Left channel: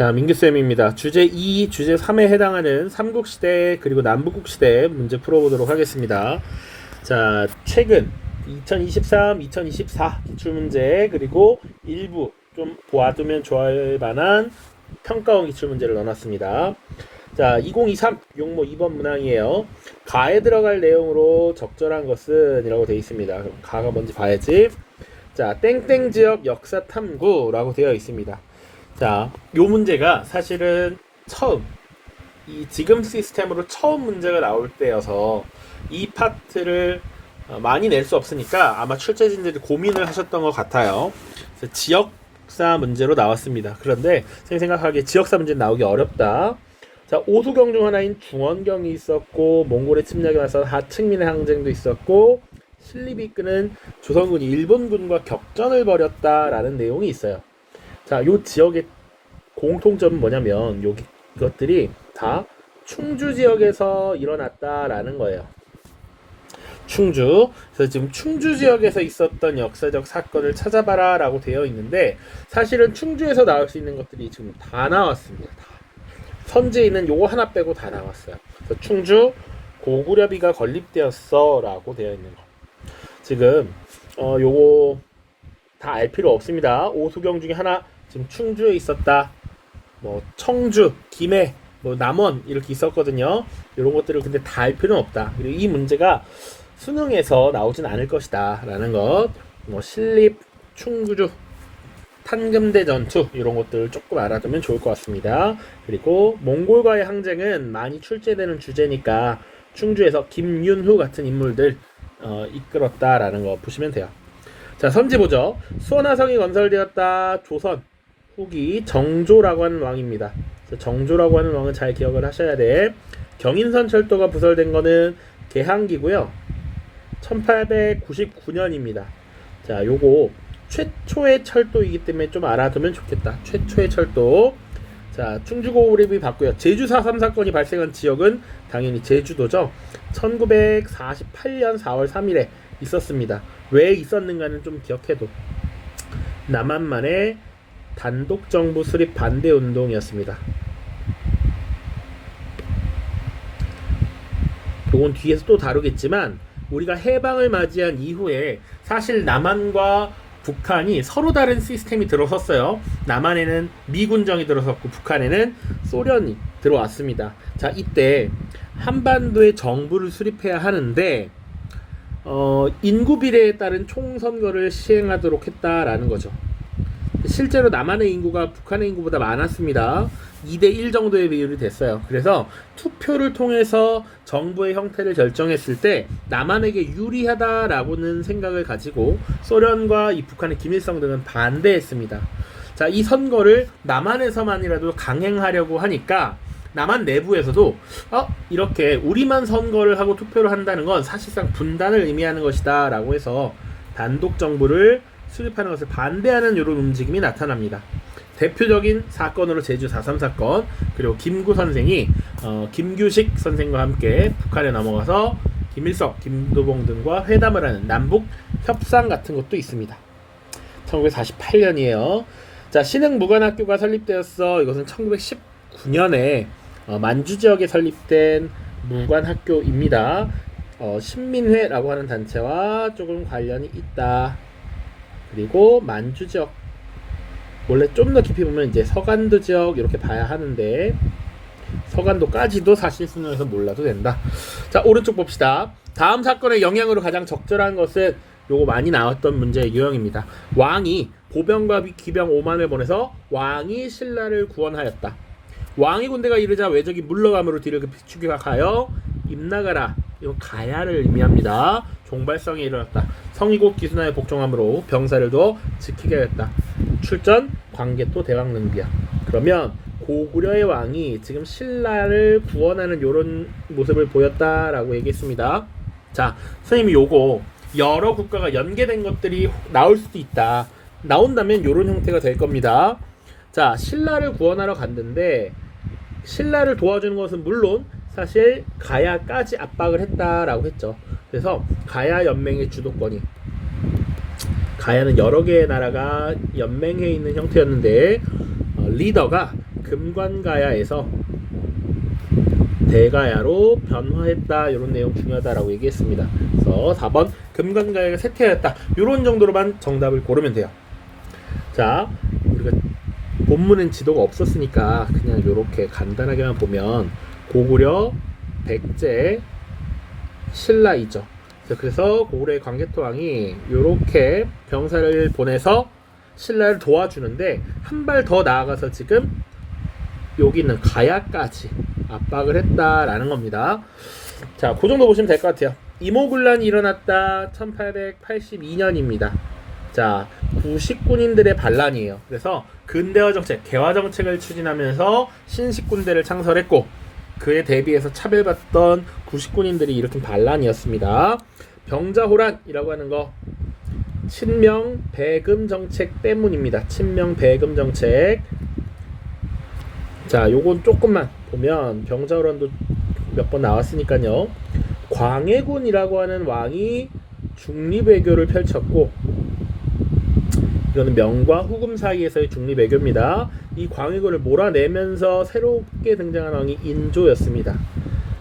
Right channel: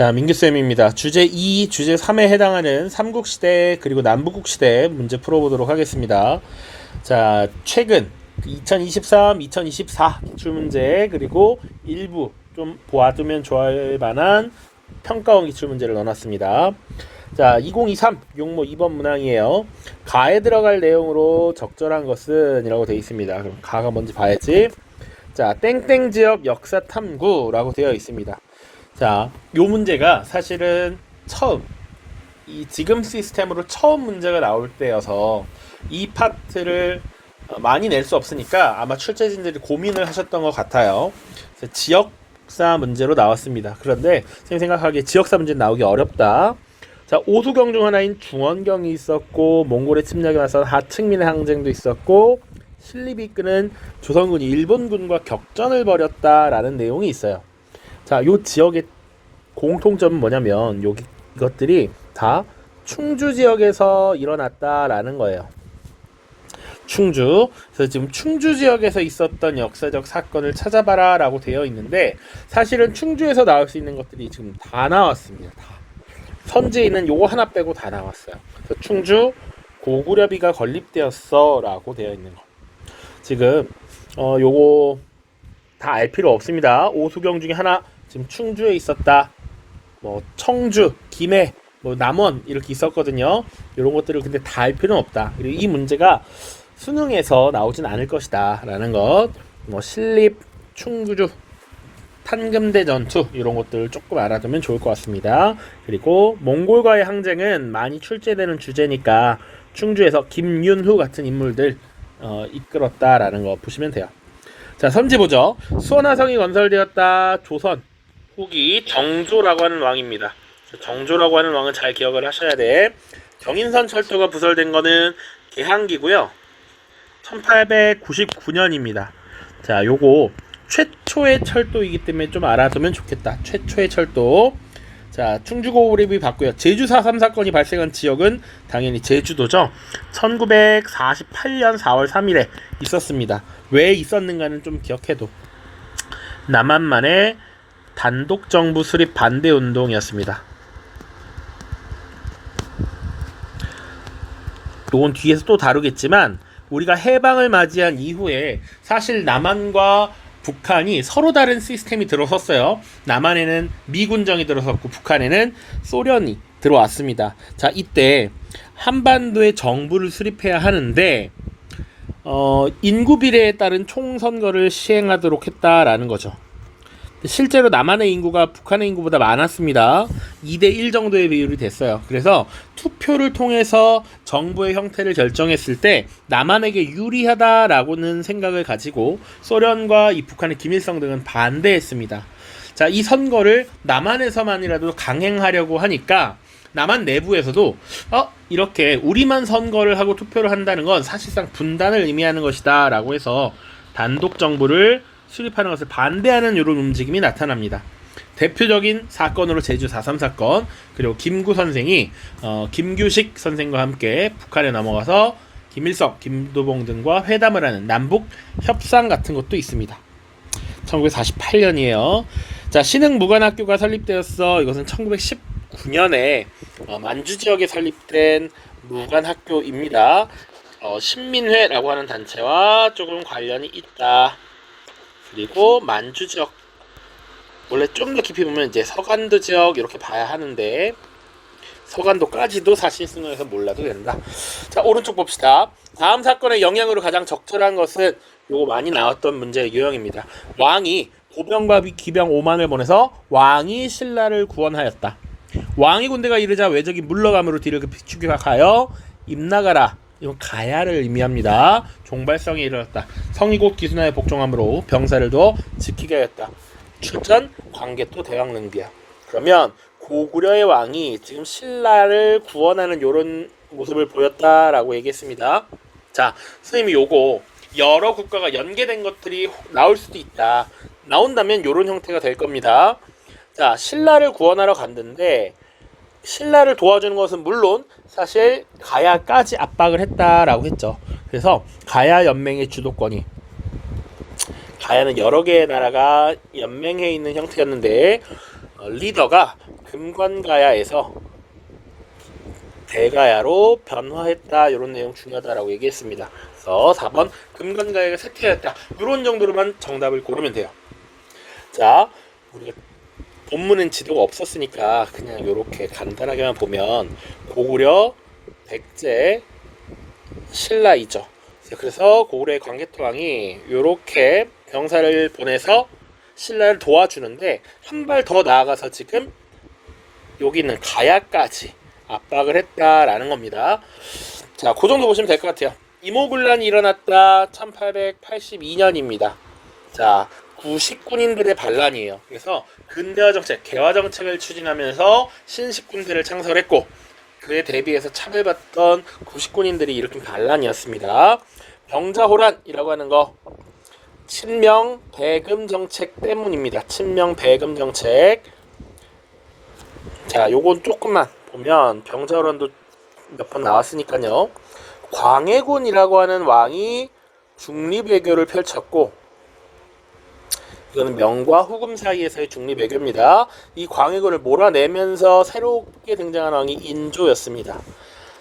자, 민규쌤입니다. 주제 2, 주제 3에 해당하는 삼국시대 그리고 남북국시대 문제 풀어보도록 하겠습니다. 자, 최근 2023, 2024 기출문제 그리고 일부 좀 보아두면 좋아할 만한 평가원 기출문제를 넣어놨습니다. 자, 2023 용모 2번 문항이에요. 가에 들어갈 내용으로 적절한 것은 이라고 되어 있습니다. 그럼 가가 뭔지 봐야지. 자, 땡땡 지역 역사 탐구라고 되어 있습니다. 자, 요 문제가 사실은 처음 이 지금 시스템으로 처음 문제가 나올 때여서 이 파트를 많이 낼 수 없으니까 아마 출제진들이 고민을 하셨던 것 같아요. 그래서 지역사 문제로 나왔습니다. 그런데 선생님 생각하기에 지역사 문제 나오기 어렵다. 자, 오수경 중 하나인 중원경이 있었고, 몽골의 침략에 맞선 하층민의 항쟁도 있었고, 신립이 이끄는 조선군이 일본군과 격전을 벌였다라는 내용이 있어요. 자, 요 지역의 공통점은 뭐냐면 이것들이 다 충주 지역에서 일어났다라는 거예요. 충주. 그래서 지금 충주 지역에서 있었던 역사적 사건을 찾아봐라 라고 되어 있는데, 사실은 충주에서 나올 수 있는 것들이 지금 다 나왔습니다. 다. 선지에 있는 요거 하나 빼고 다 나왔어요. 그래서 충주 고구려비가 건립되었어 라고 되어 있는 거. 지금 요거 다 알 필요 없습니다. 오수경 중에 하나 지금 충주에 있었다. 뭐 청주, 김해, 뭐 남원 이렇게 있었거든요. 이런 것들을 근데 다 알 필요는 없다. 그리고 이 문제가 수능에서 나오진 않을 것이다 라는 것. 뭐 신립, 충주, 판금대 전투 이런 것들을 조금 알아두면 좋을 것 같습니다. 그리고 몽골과의 항쟁은 많이 출제되는 주제니까 충주에서 김윤후 같은 인물들 이끌었다라는 거 보시면 돼요. 자, 선지 보죠. 수원화성이 건설되었다. 조선 후기 정조라고 하는 왕입니다. 정조라고 하는 왕은 잘 기억을 하셔야 돼. 경인선 철도가 부설된 거는 개항기고요. 1899년입니다. 자, 요거 최초의 철도이기 때문에 좀 알아두면 좋겠다. 최초의 철도. 자, 충주고구려비 봤고요. 제주 4.3 사건이 발생한 지역은 당연히 제주도죠. 1948년 4월 3일에 있었습니다. 왜 있었는가는 좀 기억해도. 남한만의 단독정부 수립 반대 운동이었습니다. 요건 뒤에서 또 다루겠지만, 우리가 해방을 맞이한 이후에 사실 남한과 북한이 서로 다른 시스템이 들어섰어요. 남한에는 미군정이 들어섰고 북한에는 소련이 들어왔습니다. 자, 이때 한반도에 정부를 수립해야 하는데 인구 비례에 따른 총선거를 시행하도록 했다라는 거죠. 실제로 남한의 인구가 북한의 인구보다 많았습니다. 2대1 정도의 비율이 됐어요. 그래서 투표를 통해서 정부의 형태를 결정했을 때 남한에게 유리하다라고는 생각을 가지고 소련과 이 북한의 김일성 등은 반대했습니다. 자, 이 선거를 남한에서만이라도 강행하려고 하니까 남한 내부에서도 이렇게 우리만 선거를 하고 투표를 한다는 건 사실상 분단을 의미하는 것이다 라고 해서 단독 정부를 수립하는 것을 반대하는 이런 움직임이 나타납니다. 대표적인 사건으로 제주 4.3 사건, 그리고 김구 선생이 김규식 선생과 함께 북한에 넘어가서 김일성, 김도봉 등과 회담을 하는 남북 협상 같은 것도 있습니다. 1948년이에요. 자, 신흥무관학교가 설립되었어. 이것은 1919년에 만주 지역에 설립된 무관학교입니다. 신민회라고 하는 단체와 조금 관련이 있다. 그리고 만주 지역, 원래 좀 더 깊이 보면 이제 서간도 지역 이렇게 봐야 하는데 서간도까지도 사실 수능에서 몰라도 된다. 자, 오른쪽 봅시다. 다음 사건의 영향으로 가장 적절한 것은 요거 많이 나왔던 문제의 유형입니다. 왕이 보병과 기병 5만을 보내서 왕이 신라를 구원하였다. 왕이 군대가 이르자 외적이 물러감으로 뒤를 급히 추격하여 임나가라. 이건 가야를 의미합니다. 종발성에 이르렀다. 성이 곧 기순하에 복종함으로 병사를 더 지키게 하였다. 출전 광개토 대왕릉비야. 그러면 고구려의 왕이 지금 신라를 구원하는 이런 모습을 보였다라고 얘기했습니다. 자, 선생님이 요거 여러 국가가 연계된 것들이 나올 수도 있다. 나온다면 이런 형태가 될 겁니다. 자, 신라를 구원하러 갔는데 신라를 도와주는 것은 물론 사실 가야까지 압박을 했다라고 했죠. 그래서 가야 연맹의 주도권이, 가야는 여러 개의 나라가 연맹해 있는 형태였는데 리더가 금관가야에서 대가야로 변화했다. 이런 내용 중요하다라고 얘기했습니다. 그래서 4번 금관가야가 쇠퇴하였다. 이런 정도로만 정답을 고르면 돼요. 자, 우리가 본문은 지도가 없었으니까 그냥 이렇게 간단하게만 보면 고구려, 백제, 신라이죠. 그래서 고구려의 광개토왕이 이렇게 병사를 보내서 신라를 도와주는데 한 발 더 나아가서 지금 여기 있는 가야까지 압박을 했다라는 겁니다. 자, 그 정도 보시면 될 것 같아요. 이모군란이 일어났다. 1882년입니다. 자, 구식군인들의 반란이에요. 그래서 근대화 정책, 개화 정책을 추진하면서 신식군대를 창설했고 그에 대비해서 차별받던 구식군인들이 일으킨 반란이었습니다. 병자호란이라고 하는 거 친명 배금 정책 때문입니다. 친명 배금 정책. 자, 요건 조금만 보면 병자호란도 몇 번 나왔으니까요. 광해군이라고 하는 왕이 중립외교를 펼쳤고 이거는 명과 후금 사이에서의 중립외교입니다. 이 광해군을 몰아내면서 새롭게 등장한 왕이 인조였습니다.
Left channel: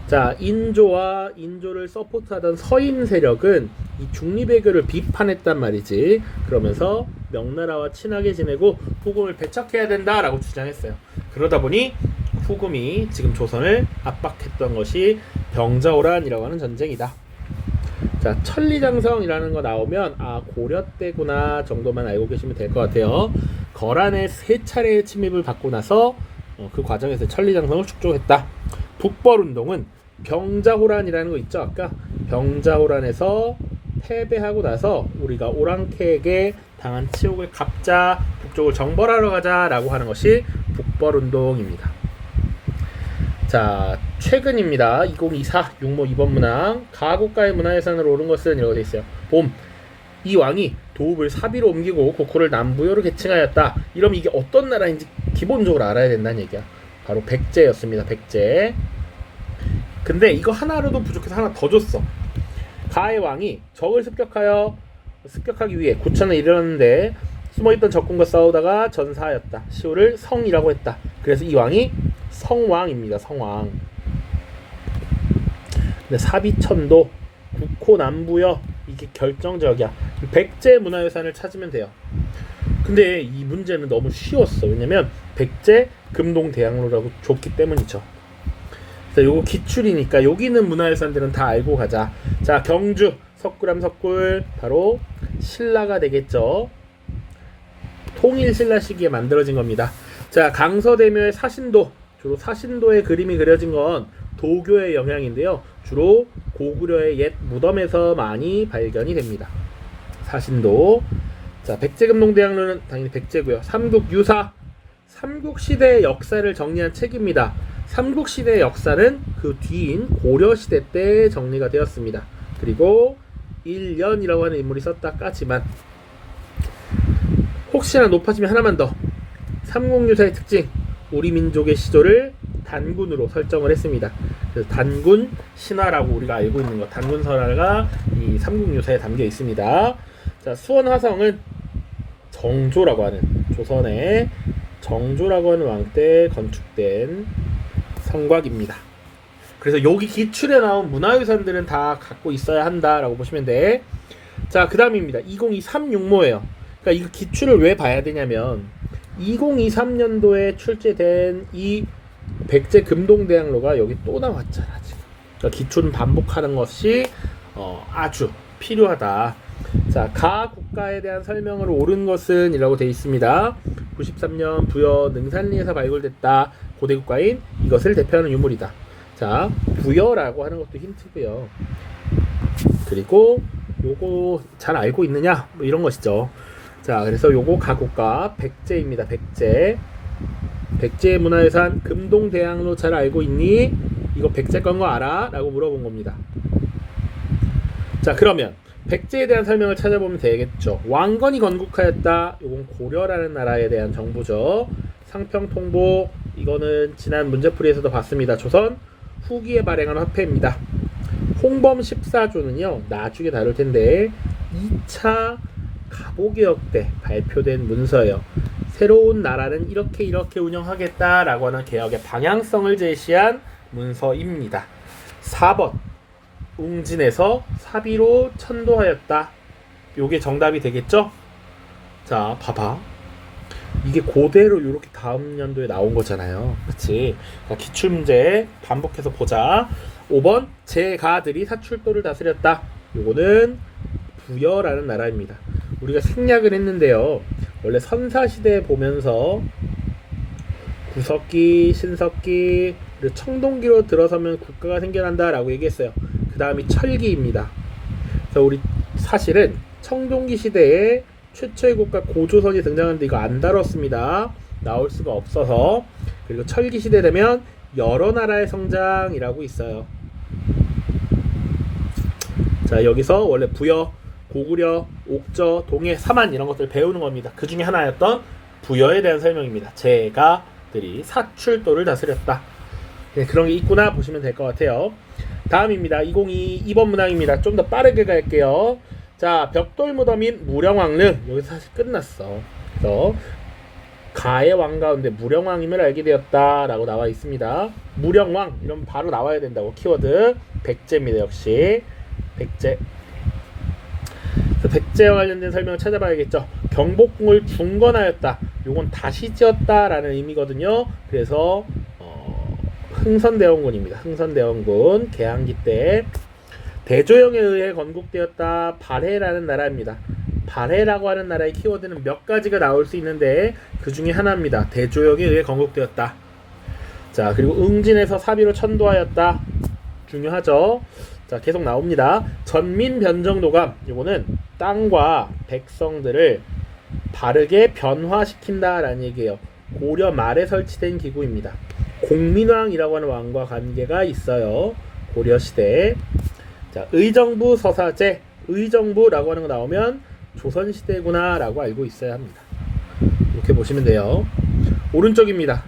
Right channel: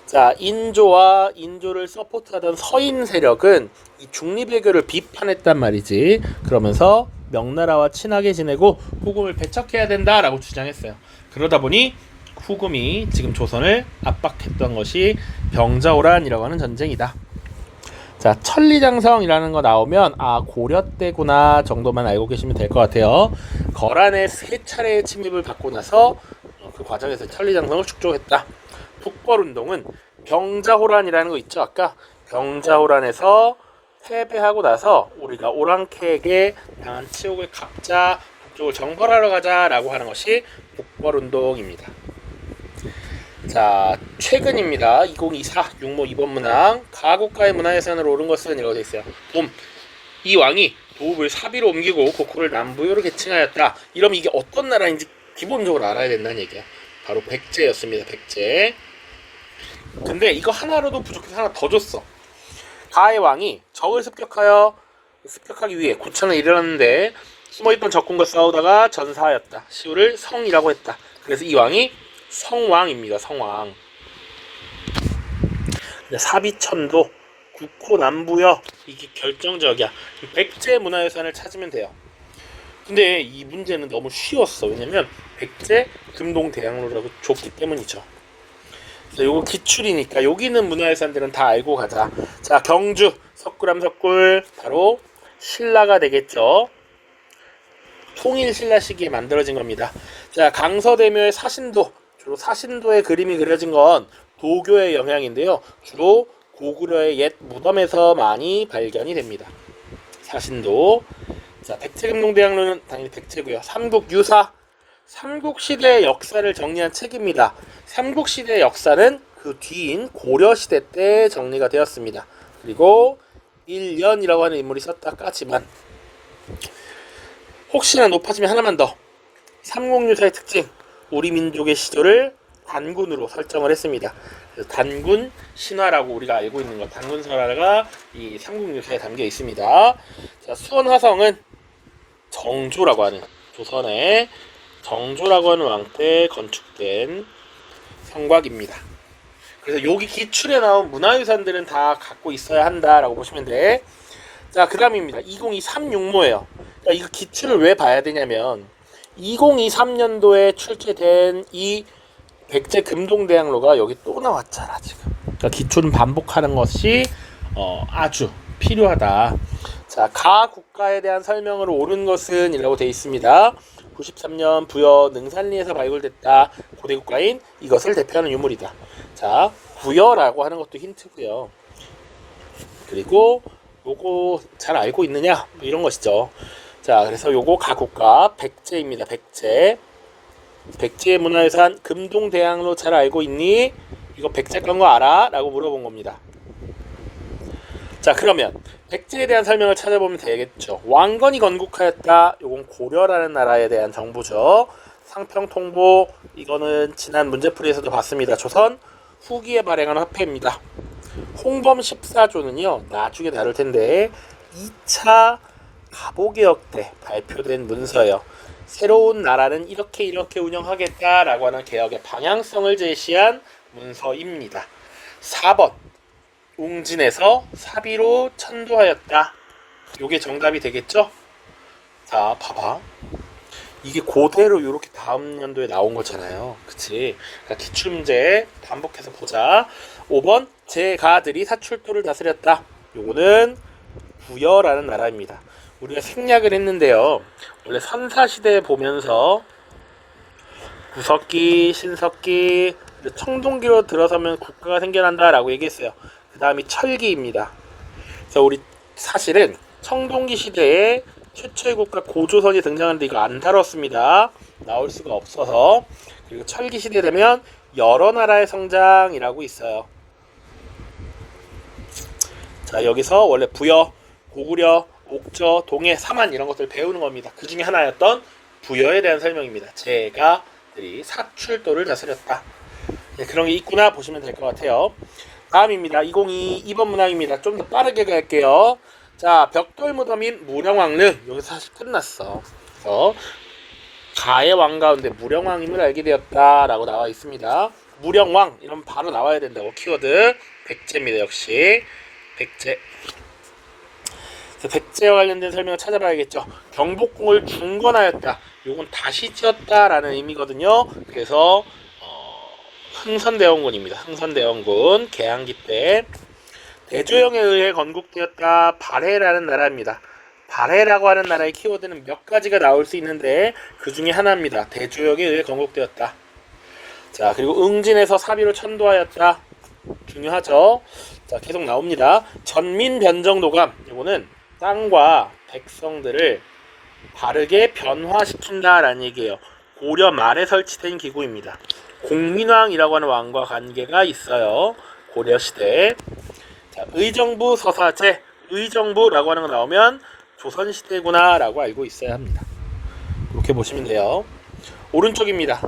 자, 인조를 서포트하던 서인 세력은 이 중립외교를 비판했단 말이지. 그러면서 명나라와 친하게 지내고 후금을 배척해야 된다라고 주장했어요. 그러다 보니 후금이 지금 조선을 압박했던 것이 병자호란이라고 하는 전쟁이다. 자, 천리장성이라는 거 나오면 아, 고려 때구나 정도만 알고 계시면 될 것 같아요. 거란의 3차례의 침입을 받고 나서 그 과정에서 천리장성을 축적했다. 북벌운동은 병자호란이라는 거 있죠. 아까 병자호란에서 패배하고 나서 우리가 오랑캐에게 당한 치욕을 갚자, 북쪽을 정벌하러 가자라고 하는 것이 북벌운동입니다. 자, 최근입니다. 2024 육모 2번 문항 가곡가의 문화유산으로 오른 것은 이라고 되어 있어요. 봄, 이 왕이 도읍을 사비로 옮기고 고코를 남부요로 개칭하였다. 이러면 이게 어떤 나라인지 기본적으로 알아야 된다는 얘기야. 바로 백제였습니다. 백제. 근데 이거 하나로도 부족해서 하나 더 줬어. 가의 왕이 적을 습격하기 위해 고창에 이르렀는데 숨어있던 적군과 싸우다가 전사하였다. 시호를 성이라고 했다. 그래서 이 왕이 성왕입니다. 성왕. 사비천도, 국호 남부여, 이게 결정적이야. 백제 문화유산을 찾으면 돼요. 근데 이 문제는 너무 쉬웠어. 왜냐면 백제 금동대학로라고 줬기 때문이죠. 그래서 요거 기출이니까 여기 있는 문화유산들은 다 알고 가자. 자, 경주 석굴암 석굴 바로 신라가 되겠죠. 통일 신라 시기에 만들어진 겁니다. 자, 강서대묘의 사신도, 주로 사신도의 그림이 그려진 건 도교의 영향인데요. 주로 고구려의 옛 무덤에서 많이 발견이 됩니다. 사신도. 자, 백제금동대학로는 당연히 백제고요. 삼국유사, 삼국시대의 역사를 정리한 책입니다. 삼국시대의 역사는 그 뒤인 고려시대 때 정리가 되었습니다. 그리고 일연이라고 하는 인물이 썼다까지만 혹시나 높아지면 하나만 더. 삼국유사의 특징, 우리 민족의 시조를 단군으로 설정을 했습니다. 그래서 단군 신화라고 우리가 알고 있는 것, 단군 설화가 이 삼국유사에 담겨 있습니다. 자, 수원 화성은 정조라고 하는, 조선의 정조라고 하는 왕 때 건축된 성곽입니다. 그래서 여기 기출에 나온 문화유산들은 다 갖고 있어야 한다라고 보시면 돼. 자, 그 다음입니다. 2023 육모예요. 그러니까 이 기출을 왜 봐야 되냐면 2023년도에 출제된 이 백제 금동대학로가 여기 또 나왔잖아 지금. 그러니까 기출은 반복하는 것이 아주 필요하다. 자, 가 국가에 대한 설명으로 옳은 것은 이라고 되어 있습니다. 93년 부여 능산리에서 발굴됐다. 고대 국가인 이것을 대표하는 유물이다. 자, 부여라고 하는 것도 힌트고요. 그리고 요거 잘 알고 있느냐? 뭐 이런 것이죠. 자, 그래서 요거 가국가 백제입니다. 백제. 백제 문화유산 금동대학로 잘 알고 있니? 이거 백제 건 거 알아? 라고 물어본 겁니다. 자, 그러면 백제에 대한 설명을 찾아보면 되겠죠. 왕건이 건국하였다. 요건 고려라는 나라에 대한 정보죠. 상평통보, 이거는 지난 문제풀이에서도 봤습니다. 조선 후기에 발행한 화폐입니다. 홍범 14조는요 나중에 다룰 텐데 2차 갑오개혁 때 발표된 문서예요. 새로운 나라는 이렇게 운영하겠다라고 하는 개혁의 방향성을 제시한 문서입니다. 4번 웅진에서 사비로 천도하였다. 요게 정답이 되겠죠? 자, 봐봐. 이게 그대로 이렇게 다음 연도에 나온 거잖아요. 그치? 그러니까 기출문제 반복해서 보자. 5번 제가들이 사출도를 다스렸다. 요거는 부여라는 나라입니다. 우리가 생략을 했는데요. 원래 선사시대 보면서 구석기, 신석기, 청동기로 들어서면 국가가 생겨난다 라고 얘기했어요. 그 다음이 철기입니다. 그래서 우리 사실은 청동기 시대에 최초의 국가 고조선이 등장하는데 이거 안 다뤘습니다. 나올 수가 없어서. 그리고 철기 시대 되면 여러 나라의 성장이라고 있어요. 자, 여기서 원래 부여, 고구려, 옥저, 동해, 사만 이런 것들을 배우는 겁니다. 그 중에 하나였던 부여에 대한 설명입니다. 제가들이 사출도를 다스렸다. 네, 그런 게 있구나 보시면 될 것 같아요. 다음입니다. 2022 2번 문항입니다. 좀 더 빠르게 갈게요. 자, 벽돌 무덤인 무령왕릉. 여기서 사실 끝났어. 그래서 가의 왕 가운데 무령왕임을 알게 되었다라고 나와 있습니다. 무령왕 이러면 바로 나와야 된다고. 키워드 백제입니다. 역시 백제. 그래서 백제와 관련된 설명을 찾아봐야겠죠. 경복궁을 중건하였다. 요건 다시 지었다라는 의미거든요. 그래서 흥선대원군입니다. 흥선대원군 개항기 때 대조영에 의해 건국되었다. 발해라는 나라입니다. 발해라고 하는 나라의 키워드는 몇 가지가 나올 수 있는데 그 중에 하나입니다. 대조영에 의해 건국되었다. 자, 그리고 응진에서 사비로 천도하였다. 중요하죠. 자, 계속 나옵니다. 전민변정도감. 이거는 땅과 백성들을 바르게 변화시킨다라는 얘기예요. 고려 말에 설치된 기구입니다. 공민왕이라고 하는 왕과 관계가 있어요. 고려시대. 자, 의정부 서사제. 의정부라고 하는 거 나오면 조선시대구나 라고 알고 있어야 합니다. 이렇게 보시면 돼요. 오른쪽입니다.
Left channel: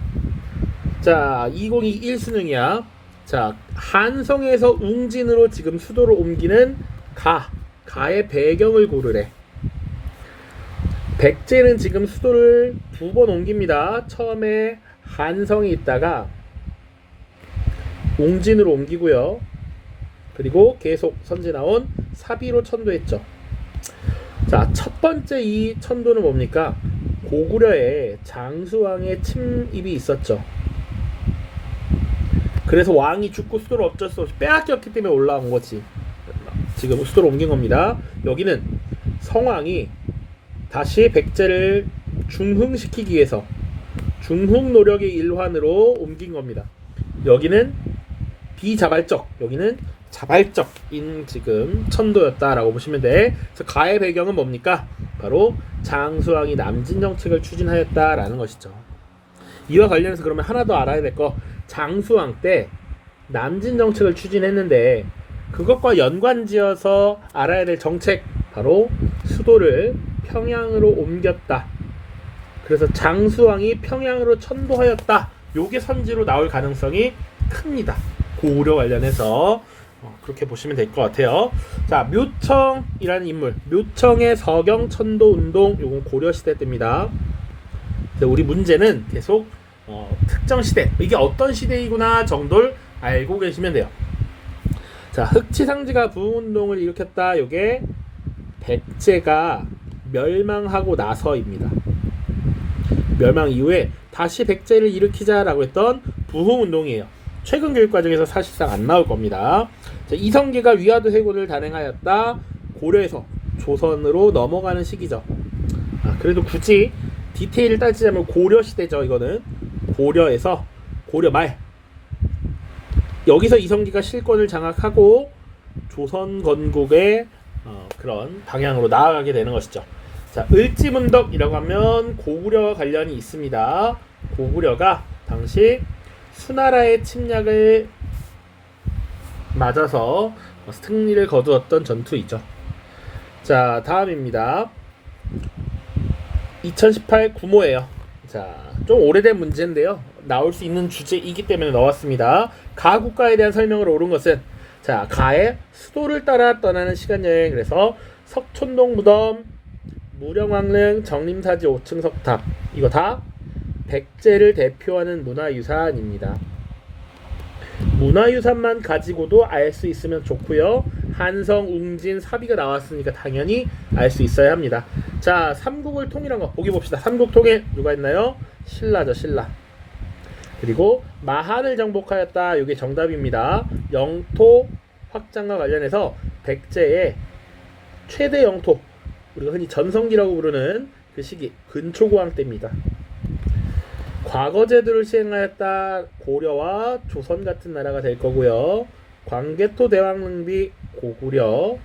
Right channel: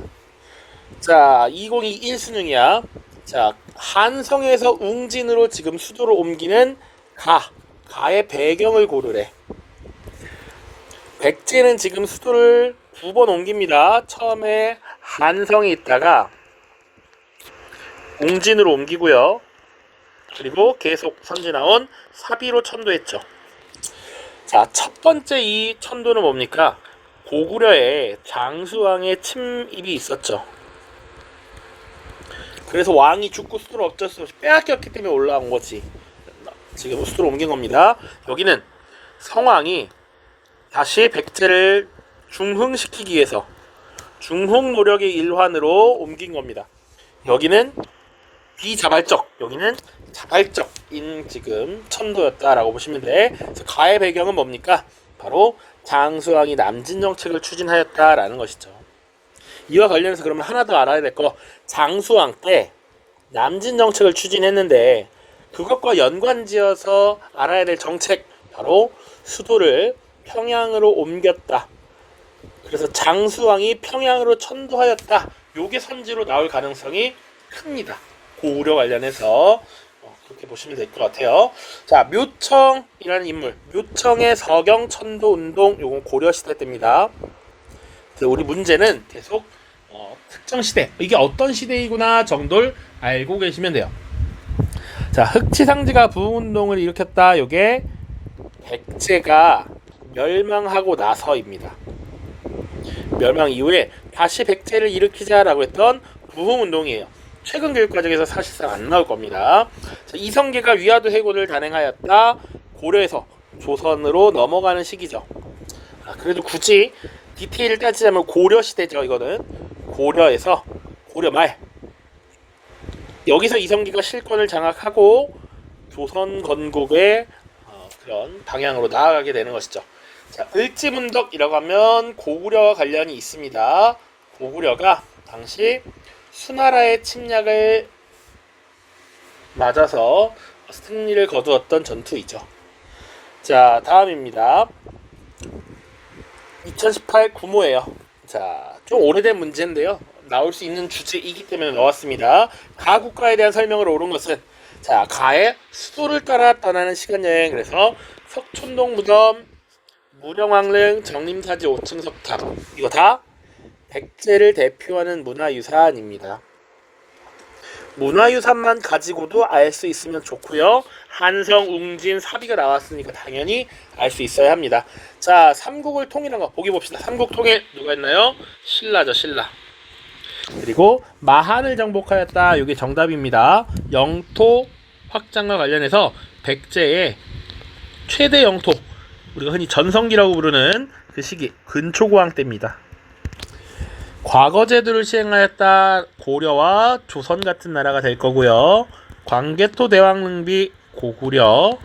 자, 2021 수능이야. 자, 한성에서 웅진으로 지금 수도를 옮기는 가의 배경을 고르래. 백제는 지금 수도를 2번 옮깁니다. 처음에 한성에 있다가 웅진으로 옮기고요. 그리고 계속 선진화원 사비로 천도했죠. 자, 첫 번째 이 천도는 뭡니까? 고구려에 장수왕의 침입이 있었죠. 그래서 왕이 죽고 수도를 어쩔 수 없이 빼앗겼기 때문에 올라온 거지. 지금 수도로 옮긴 겁니다. 여기는 성왕이 다시 백제를 중흥시키기 위해서 중흥 노력의 일환으로 옮긴 겁니다. 여기는 비자발적, 여기는 자발적인 지금 천도였다라고 보시면 돼. 그래서 가의 배경은 뭡니까? 바로 장수왕이 남진 정책을 추진하였다라는 것이죠. 이와 관련해서 그러면 하나 더 알아야 될 거, 장수왕 때 남진 정책을 추진했는데 그것과 연관지어서 알아야 될 정책, 바로 수도를 평양으로 옮겼다. 그래서 장수왕이 평양으로 천도하였다. 요게 선지로 나올 가능성이 큽니다. 고구려 관련해서 그렇게 보시면 될 것 같아요. 자, 묘청이라는 인물, 묘청의 서경 천도 운동, 요건 고려 시대 때입니다. 그래서 우리 문제는 계속 특정 시대, 이게 어떤 시대이구나 정도를 알고 계시면 돼요. 자, 흑치상지가 부흥운동을 일으켰다. 요게 백제가 멸망하고 나서입니다. 멸망 이후에 다시 백제를 일으키자라고 했던 부흥운동이에요. 최근 교육과정에서 사실상 안 나올 겁니다. 자, 이성계가 위화도 해고를 단행하였다. 고려에서 조선으로 넘어가는 시기죠. 그래도 굳이 디테일을 따지자면 고려 시대죠. 이거는 고려에서 고려 말, 여기서 이성계가 실권을 장악하고 조선 건국의 그런 방향으로 나아가게 되는 것이죠. 자, 을지문덕이라고 하면 고구려와 관련이 있습니다. 고구려가 당시 수나라의 침략을 맞아서 승리를 거두었던 전투이죠. 자, 다음입니다. 2018 구모예요. 자, 좀 오래된 문제인데요. 나올 수 있는 주제이기 때문에 넣었습니다. 가 국가에 대한 설명을 옳은 것은, 자, 가의 수도를 따라 떠나는 시간여행. 그래서 석촌동 무덤, 무령왕릉, 정림사지 5층 석탑, 이거 다 백제를 대표하는 문화유산입니다. 문화유산만 가지고도 알 수 있으면 좋고요. 한성, 웅진, 사비가 나왔으니까 당연히 알 수 있어야 합니다. 자, 삼국을 통일한 거 보기 봅시다. 삼국 통일 누가 했나요? 신라죠, 신라. 그리고 마한을 정복하였다. 이게 정답입니다. 영토 확장과 관련해서 백제의 최대 영토, 우리가 흔히 전성기라고 부르는 그 시기 근초고왕 때입니다. 과거 제도를 시행하였다. 고려와 조선 같은 나라가 될 거고요. 광개토 대왕릉비 고구려,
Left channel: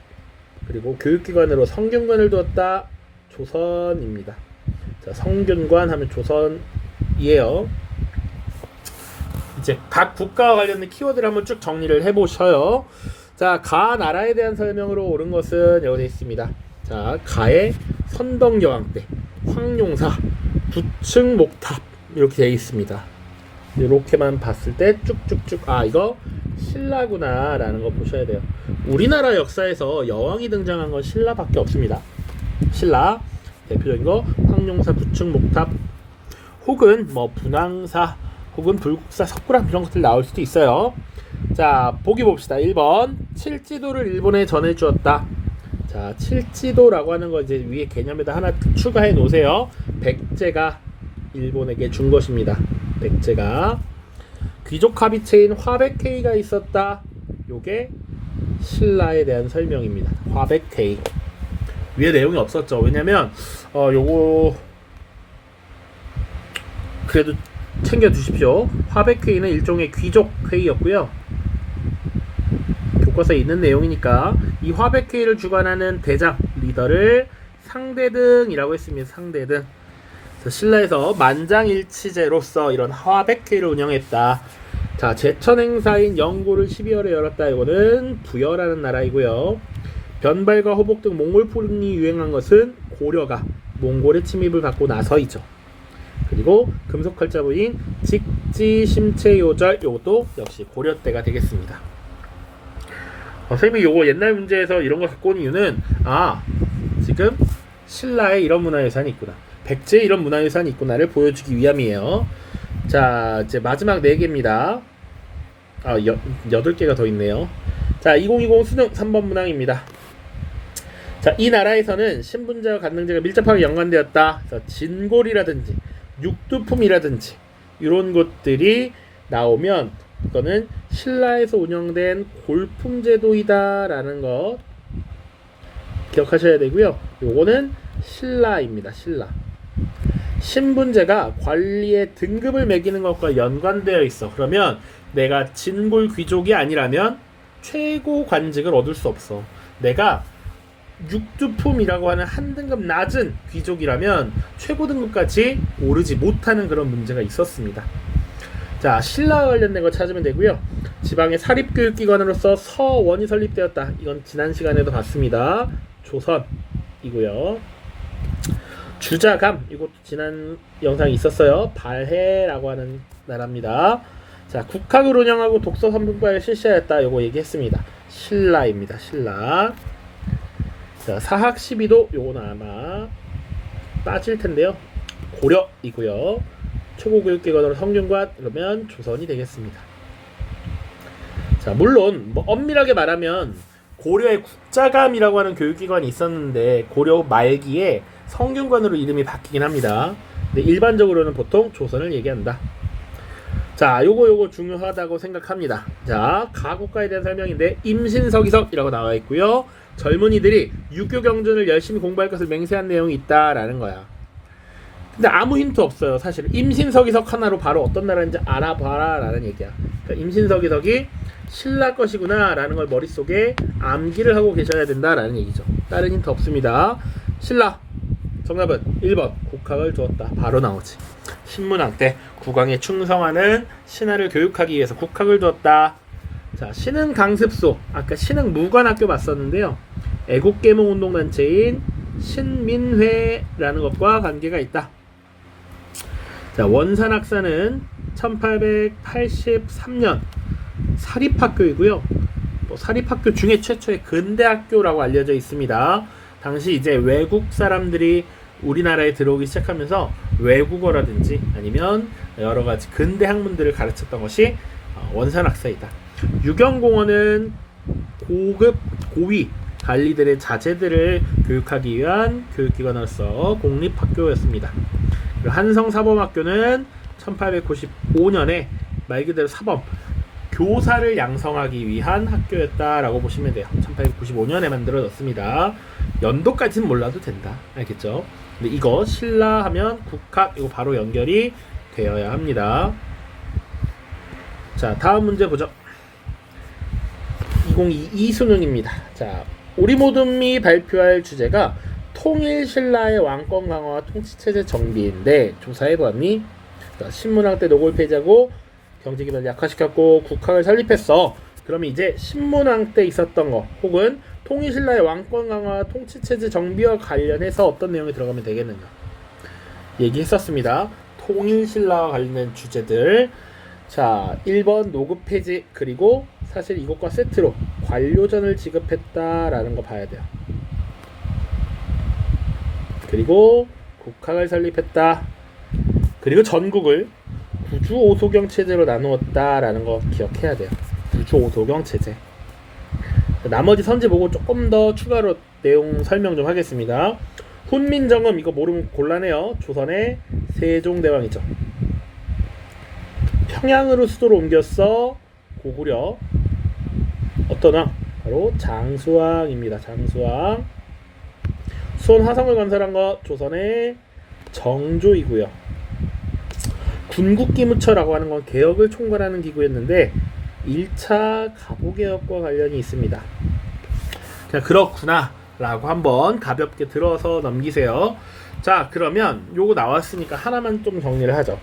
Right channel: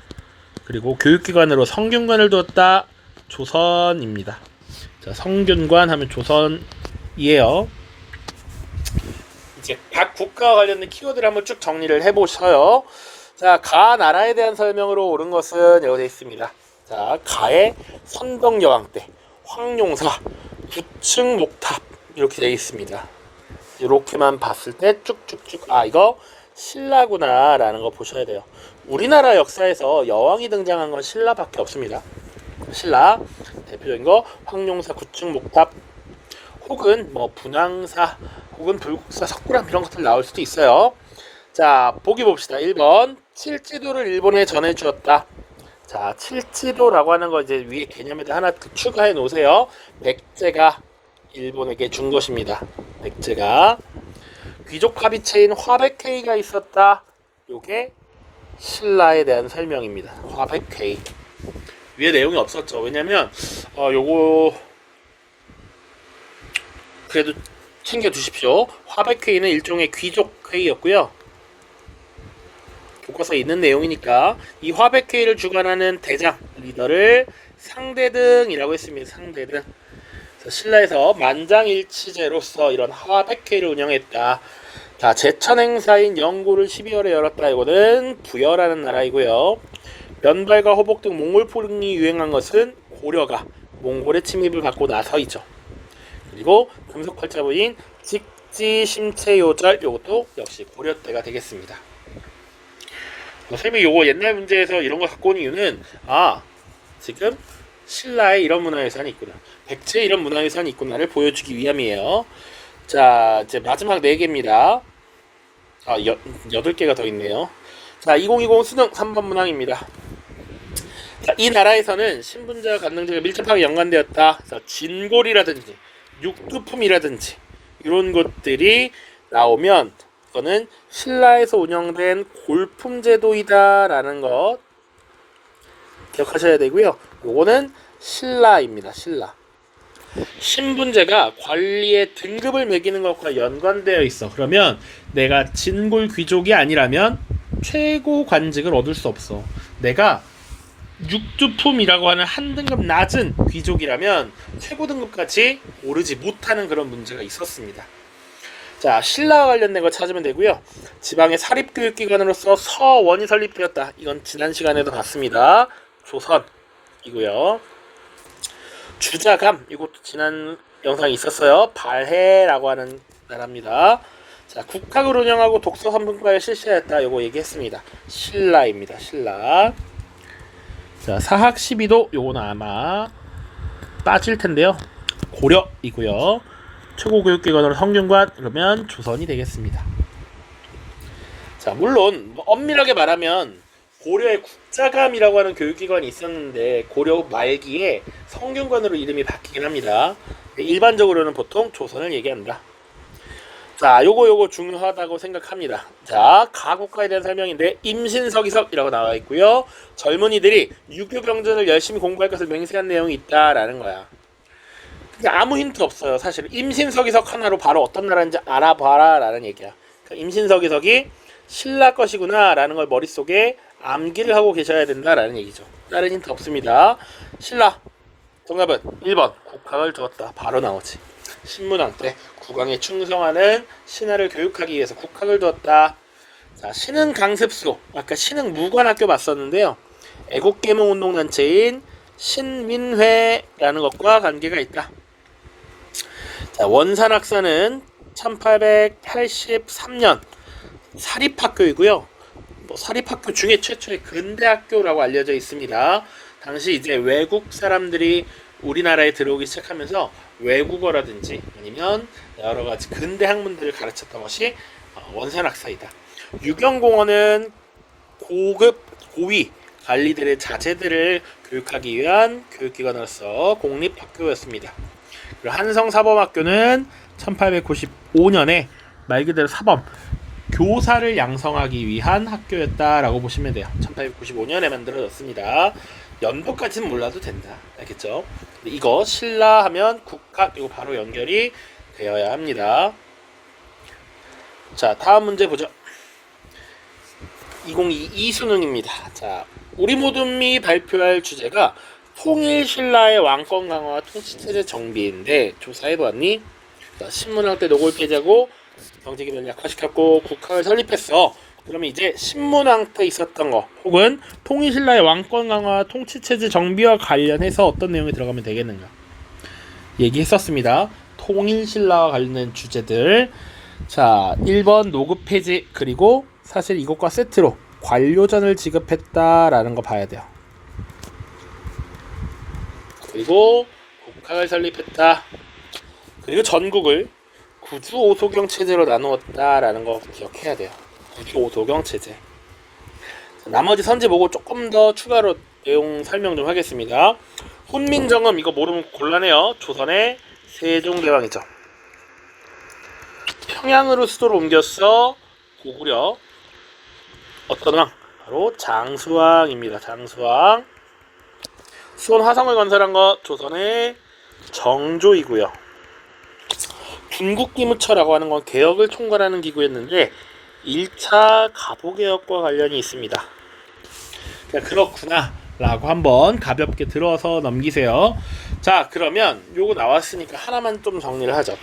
그리고 교육기관으로 성균관을 두었다. 조선입니다. 자, 성균관 하면 조선이에요. 이제 각 국가와 관련된 키워드를 한번 쭉 정리를 해보셔요. 자, 가 나라에 대한 설명으로 옳은 것은 여기 되어 있습니다. 자, 가의 선덕여왕 때 황룡사 9층 목탑 이렇게 되어 있습니다. 이렇게만 봤을 때 쭉쭉쭉 이거 신라구나 라는 거 보셔야 돼요. 우리나라 역사에서 여왕이 등장한 건 신라밖에 없습니다. 신라 대표적인 거 황룡사 9층 목탑, 혹은 뭐 분황사, 혹은 불국사, 석굴암 이런 것들 나올 수도 있어요. 자, 보기 봅시다. 1번 칠지도를 일본에 전해주었다. 자, 칠지도라고 하는 거 이제 위에 개념에다 하나 추가해 놓으세요. 백제가 일본에게 준 것입니다. 백제가. 귀족 합의체인 화백회의가 있었다. 요게 신라에 대한 설명입니다. 화백회의. 위에 내용이 없었죠. 왜냐면 요거 그래도 챙겨 두십시오. 화백회의는 일종의 귀족 회의였고요. 교과서에 있는 내용이니까 이 화백회의를 주관하는 대장 리더를 상대등이라고 했습니다. 상대등. 신라에서 만장일치제로서 이런 화백회의를 운영했다. 자, 제천행사인 영고를 12월에 열었다. 이거는 부여라는 나라이고요. 변발과 호복 등 몽골풍이 유행한 것은 고려가 몽골의 침입을 받고 나서이죠. 그리고 금속활자부인 직지심체요절, 요것도 역시 고려 때가 되겠습니다. 선생님이 요거 옛날 문제에서 이런 거 갖고 온 이유는 지금 신라에 이런 문화유산이 있구나, 백제에 이런 문화유산이 있구나를 보여주기 위함이에요. 자, 이제 마지막 4개입니다. 8개가 더 있네요. 자, 2020 수능 3번 문항입니다. 자, 이 나라에서는 신분제와 간능제가 밀접하게 연관되었다. 그래서 진골이라든지 육두품이라든지 이런 것들이 나오면 이거는 신라에서 운영된 골품제도이다 라는 거 기억하셔야 되고요. 요거는 신라입니다. 신라. 신분제가 관리의 등급을 매기는 것과 연관되어 있어. 그러면 내가 진골 귀족이 아니라면 최고 관직을 얻을 수 없어. 내가 육두품이라고 하는 한 등급 낮은 귀족이라면 최고 등급까지 오르지 못하는 그런 문제가 있었습니다. 자, 신라와 관련된 거 찾으면 되고요. 지방의 사립교육기관으로서 서원이 설립되었다. 이건 지난 시간에도 봤습니다. 조선이고요. 주자감, 이것도 지난 영상이 있었어요. 발해라고 하는 나라입니다. 자, 국학을 운영하고 독서 선분과를 실시하였다. 요거 얘기했습니다. 신라입니다. 신라. 자, 사학 12도, 요거는 아마 빠질 텐데요. 고려이고요. 최고교육기관으로 성균관, 그러면 조선이 되겠습니다. 자, 물론 뭐 엄밀하게 말하면 고려의 국자감이라고 하는 교육기관이 있었는데 고려 말기에 성균관으로 이름이 바뀌긴 합니다. 근데 일반적으로는 보통 조선을 얘기한다. 자, 요거 중요하다고 생각합니다. 자, 가국가에 대한 설명인데 임신서기석이라고 나와 있고요. 젊은이들이 유교 경전을 열심히 공부할 것을 맹세한 내용이 있다라는 거야. 근데 아무 힌트 없어요. 사실 임신서기석 하나로 바로 어떤 나라인지 알아봐라 라는 얘기야. 그러니까 임신서기석이 신라 것이구나 라는 걸 머릿속에 암기를 하고 계셔야 된다라는 얘기죠. 다른 힌트 없습니다. 신라 정답은 1번 국학을 두었다. 바로 나오지. 신문왕 때 국왕에 충성하는 신하를 교육하기 위해서 국학을 두었다. 자, 신흥 강습소, 아까 신흥 무관학교 봤었는데요. 애국계몽운동단체인 신민회라는 것과 관계가 있다. 자, 원산학사는 1883년 사립학교이고요. 사립학교 중에 최초의 근대학교라고 알려져 있습니다. 당시 이제 외국 사람들이 우리나라에 들어오기 시작하면서 외국어라든지 아니면 여러 가지 근대 학문들을 가르쳤던 것이 원산학사이다. 유경공원은 고급 고위 관리들의 자제들을 교육하기 위한 교육기관으로서 공립학교였습니다. 그리고 한성사범학교는 1895년에 말 그대로 사범 교사를 양성하기 위한 학교였다라고 보시면 돼요. 1895년에 만들어졌습니다. 연도까지는 몰라도 된다. 알겠죠? 근데 이거 신라 하면 국학 이거 바로 연결이 되어야 합니다. 자, 다음 문제 보죠. 2022 수능입니다. 자, 우리 모둠이 발표할 주제가 통일 신라의 왕권 강화와 통치체제 정비인데 조사해보았니? 자, 신문학 때 노골 페이지하고 경제기반을 약화시켰고 국학을 설립했어. 그러면 이제 신문왕 때 있었던 거 혹은 통일신라의 왕권 강화 통치체제 정비와 관련해서 어떤 내용이 들어가면 되겠는가 얘기했었습니다. 통일신라와 관련된 주제들. 자, 1번 노급 폐지 그리고 사실 이것과 세트로 관료전을 지급했다라는 거 봐야 돼요. 그리고 국학을 설립했다. 그리고 전국을 구주 오소경 체제로 나누었다라는 거 기억해야 돼요. 구주 오소경 체제. 자, 나머지 선지 보고 조금 더 추가로 내용 설명 좀 하겠습니다. 훈민정음 이거 모르면 곤란해요. 조선의 세종대왕이죠. 평양으로 수도를 옮겼어. 고구려 어떤 왕? 바로 장수왕입니다. 장수왕. 수원 화성을 건설한 것 조선의 정조이고요. 군국기무처라고 하는 건 개혁을 총괄하는 기구였는데 1차 갑오개혁과 관련이 있습니다. 자, 그렇구나 라고 한번 가볍게 들어서 넘기세요. 자, 그러면 요거 나왔으니까 하나만 좀 정리를 하죠.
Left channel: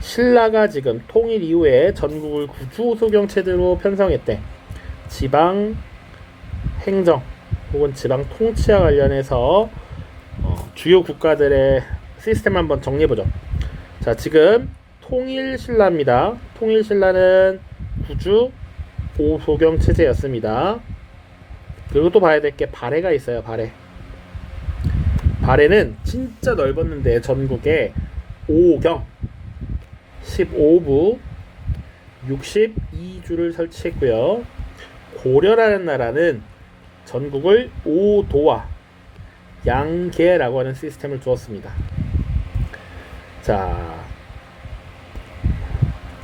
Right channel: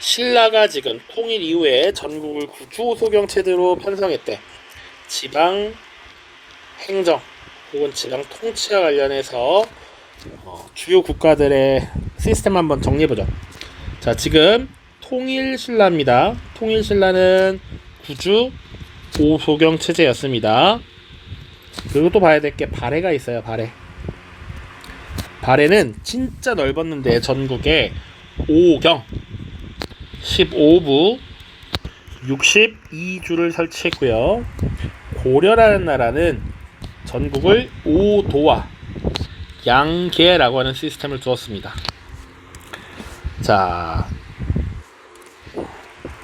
신라가 지금 통일 이후에 전국을 구주오소경 체제로 편성했대. 지방 행정 혹은 지방 통치와 관련해서 주요 국가들의 시스템 한번 정리해보죠. 자, 지금 통일신라입니다. 통일신라는 구주 오소경 체제였습니다. 그리고 또 봐야 될 게 발해가 있어요. 발해는 진짜 넓었는데 전국에 5경 15부 62주를 설치했고요. 고려라는 나라는 전국을 5도와 양계라고 하는 시스템을 두었습니다. 자,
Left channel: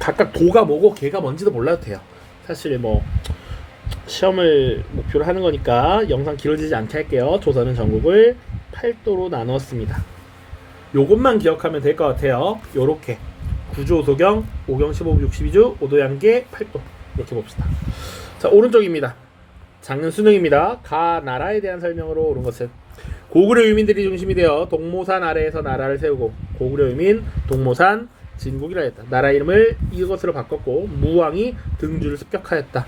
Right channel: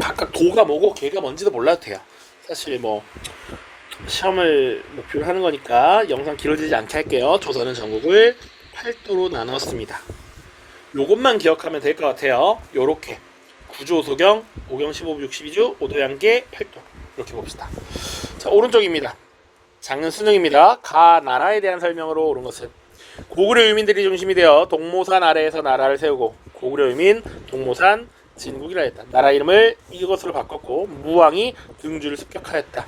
각각 도가 뭐고 계가 뭔지도 몰라도 돼요. 사실 뭐 시험을 목표로 하는 거니까 영상 길어지지 않게 할게요. 조선은 전국을 8도로 나누었습니다. 요것만 기억하면 될 것 같아요. 요렇게 구주오소경 5경 15부 62주 5도 양계 8도 이렇게 봅시다. 자, 오른쪽입니다. 작년 수능입니다. 가 나라에 대한 설명으로 옳은 것은 고구려 유민들이 중심이 되어 동모산 아래에서 나라를 세우고 고구려 유민 동모산 진국이라 했다. 나라 이름을 이것으로 바꿨고 무왕이 등주를 습격하였다.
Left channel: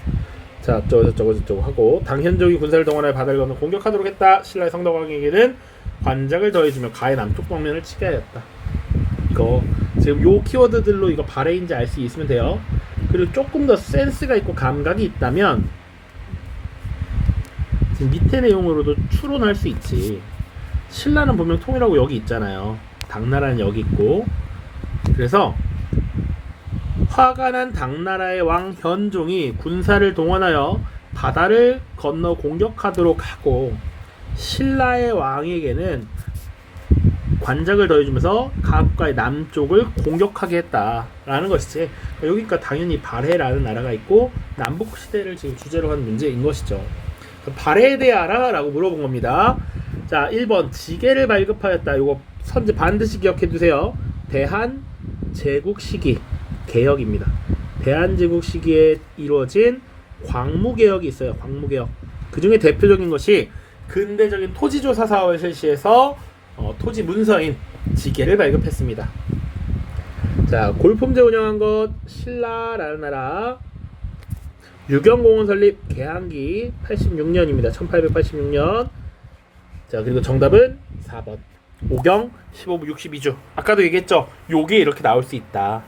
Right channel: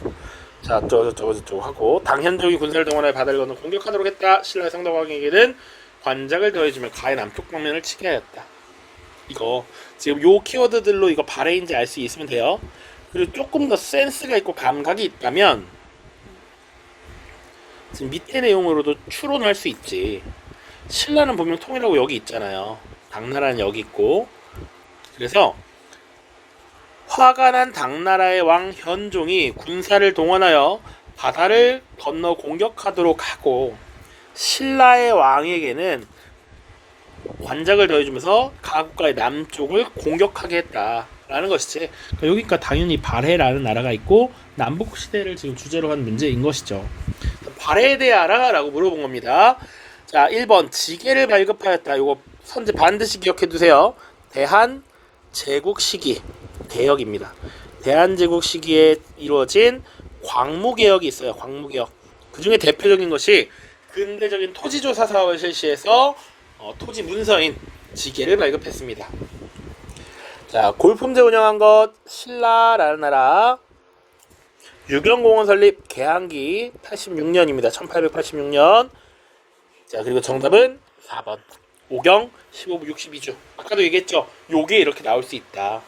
자, 저쩌고 하고 당현종이 군사를 동원하여 바다를 건너 공격하도록 했다. 신라의 성덕왕에게는 관작을 더해주며 가의 남쪽 방면을 치게 하였다. 이거 지금 요 키워드들로 이거 발해인지 알 수 있으면 돼요. 그리고 조금 더 센스가 있고 감각이 있다면 지금 밑에 내용으로도 추론할 수 있지. 신라는 분명 통일하고 여기 있잖아요. 당나라는 여기 있고. 그래서 화가 난 당나라의 왕 현종이 군사를 동원하여 바다를 건너 공격하도록 하고 신라의 왕에게는 관작을 더해주면서 가국가의 남쪽을 공격하게 했다라는 것이지. 그러니까 여기가 당연히 발해라는 나라가 있고 남북 시대를 지금 주제로 한 문제인 것이죠. 발해에 대해 알아라고 물어본 겁니다. 자, 1번 지계를 발급하였다. 이거 선지 반드시 기억해 두세요. 대한 제국 시기 개혁입니다. 대한 제국 시기에 이루어진 광무개혁이 있어요. 광무개혁. 그 중에 대표적인 것이 근대적인 토지조사 사업을 실시해서 토지 문서인 지계를 발급했습니다. 자, 골품제 운영한 것 신라라는 나라. 유경공원 설립 개항기 86년입니다. 1886년. 자, 그리고 정답은 4번 5경 15부 62주. 아까도 얘기했죠. 요게 이렇게 나올 수 있다.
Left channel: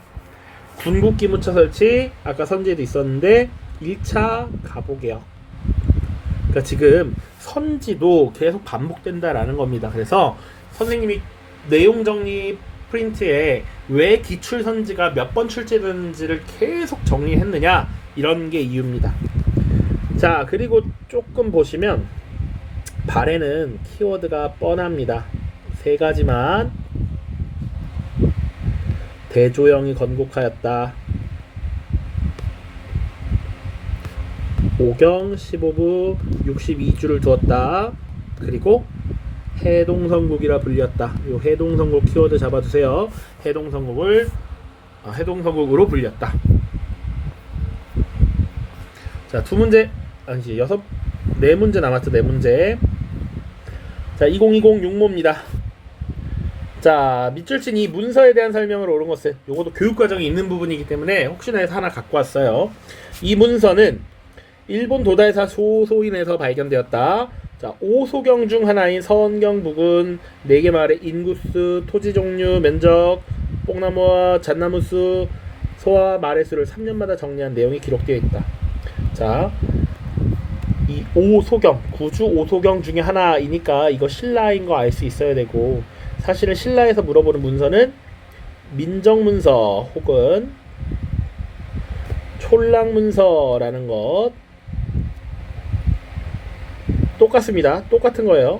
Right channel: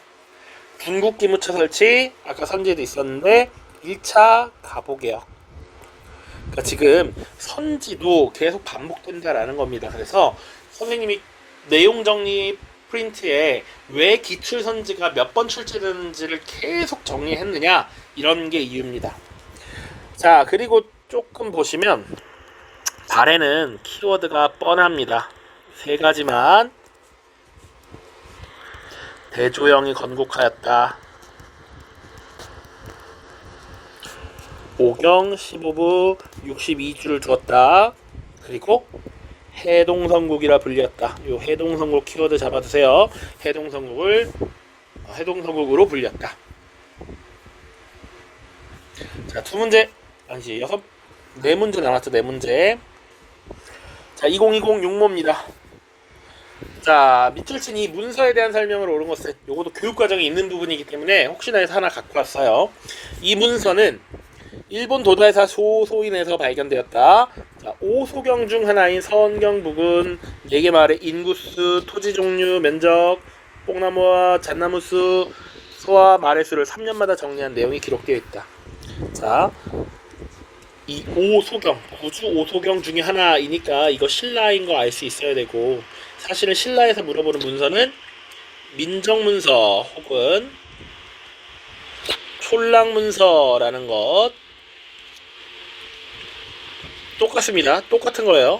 군국기무처 설치 아까 선제도 있었는데 1차 갑오개혁. 그러니까 그러니까 지금 선지도 계속 반복된다라는 겁니다. 그래서 선생님이 내용 정리 프린트에 왜 기출 선지가 몇 번 출제되는지를 계속 정리했느냐, 이런 게 이유입니다. 자, 그리고 조금 보시면 발에는 키워드가 뻔합니다. 세 가지만. 대조영이 건국하였다. 오경 15부 62주를 두었다. 그리고 해동성국이라 불렸다. 요 해동성국 키워드 잡아두세요. 해동성국으로 불렸다. 자, 두 문제, 아니지, 네 문제 남았죠. 네 문제. 자, 2020 6모입니다. 자, 밑줄 친 이 문서에 대한 설명을 옳은 것은, 요것도 교육과정에 있는 부분이기 때문에 혹시나 해서 하나 갖고 왔어요. 이 문서는 일본 도달사 소소인에서 발견되었다. 자, 5소경 중 하나인 서원경 부근 4개 마을의 인구수, 토지 종류, 면적, 뽕나무와 잣나무 수, 소와 말의 수를 3년마다 정리한 내용이 기록되어 있다. 자, 이 5소경, 구주 5소경 중에 하나이니까 이거 신라인 거 알 수 있어야 되고, 사실은 신라에서 물어보는 문서는 민정문서 혹은 촐랑문서라는 것 똑같습니다. 똑같은 거예요.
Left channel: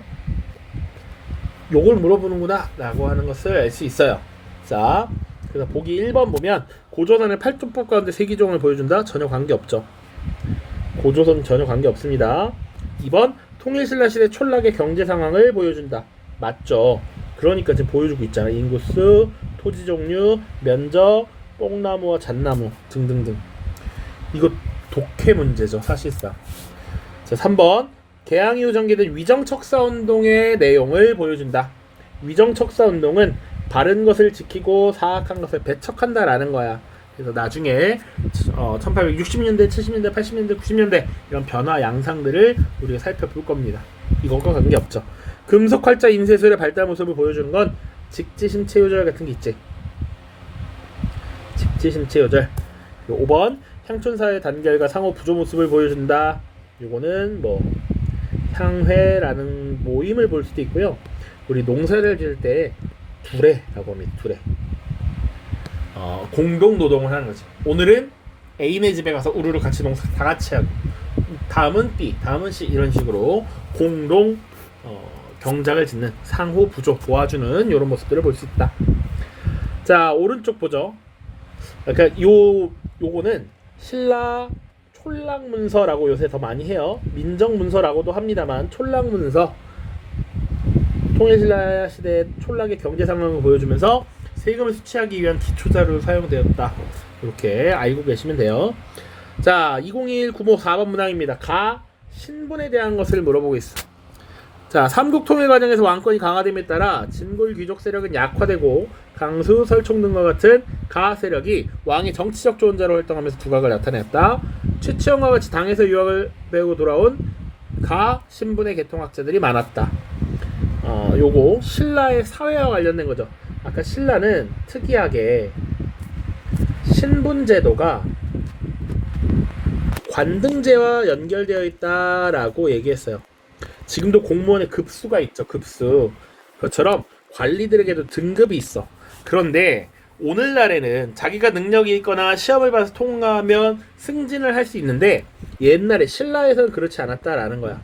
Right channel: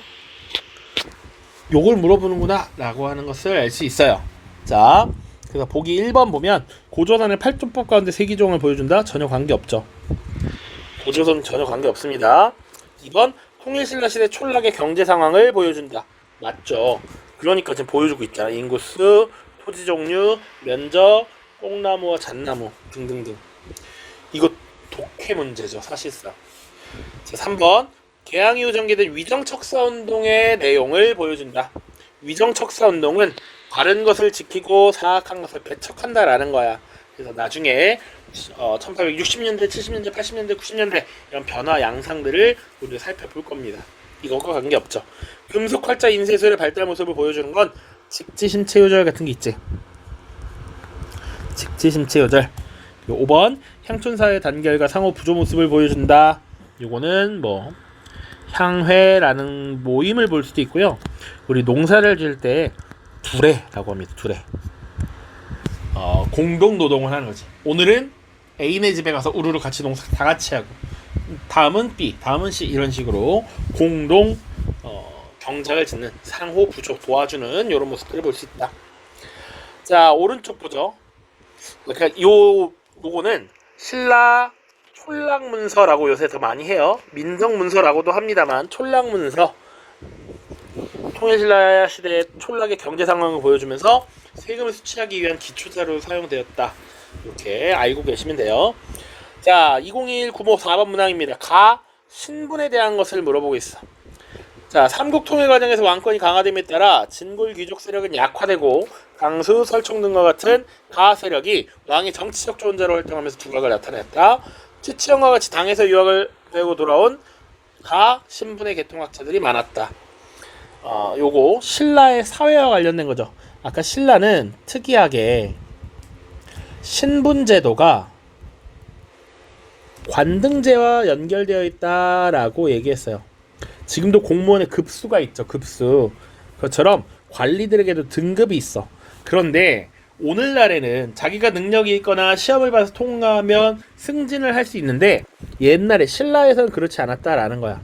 요걸 물어보는구나 라고 하는 것을 알 수 있어요. 자, 그래서 보기 1번 보면 고조선의 8조법 가운데 세기종을 보여준다. 전혀 관계없죠. 고조선 전혀 관계없습니다. 2번 통일신라 시대 촌락의 경제 상황을 보여준다. 맞죠. 그러니까 지금 보여주고 있잖아. 인구수, 토지 종류, 면적, 뽕나무와 잣나무 등등등. 이거 독해 문제죠, 사실상. 자, 3번 개항 이후 전개된 위정척사운동의 내용을 보여준다. 위정척사운동은 바른 것을 지키고 사악한 것을 배척한다라는 거야. 그래서 나중에 1860년대, 70년대, 80년대, 90년대 이런 변화 양상들을 우리가 살펴볼 겁니다. 이것과 관계없죠. 금속활자 인쇄술의 발달 모습을 보여주는 건 직지심체요절 같은 게 있지. 직지심체요절. 5번 향촌사의 단결과 상호 부조 모습을 보여준다. 이거는 뭐 향회라는 모임을 볼 수도 있고요. 우리 농사를 지을 때 두레라고 합니다. 두레. 공동 노동을 하는 거지. 오늘은 A네 집에 가서 우르르 같이 농사 다 같이 하고, 다음은 B, 다음은 C, 이런 식으로 공동 경작을 짓는, 상호 부조 도와주는 이런 모습들을 볼 수 있다. 자, 오른쪽 보죠. 그러니까 요거는 신라 촐랑문서라고 요새 더 많이 해요. 민정문서라고도 합니다만 촐랑문서, 통일신라 시대 촌락의 경제 상황을 보여주면서 세금을 수취하기 위한 기초자료로 사용되었다. 이렇게 알고 계시면 돼요. 자, 2021 9모 4번 문항입니다. 가 신분에 대한 것을 물어보고 있어. 자, 삼국 통일 과정에서 왕권이 강화됨에 따라 진골 귀족 세력은 약화되고 강수, 설총 등과 같은 가 세력이 왕의 정치적 조언자로 활동하면서 두각을 나타냈다. 최치영과 같이 당에서 유학을 배우고 돌아온 가 신분의 계통학자들이 많았다. 요거 신라의 사회와 관련된 거죠. 아까 신라는 특이하게 신분제도가 관등제와 연결되어 있다라고 얘기했어요. 지금도 공무원에 급수가 있죠. 급수. 그것처럼 관리들에게도 등급이 있어. 그런데 오늘날에는 자기가 능력이 있거나 시험을 봐서 통과하면 승진을 할 수 있는데, 옛날에 신라에서는 그렇지 않았다라는 거야.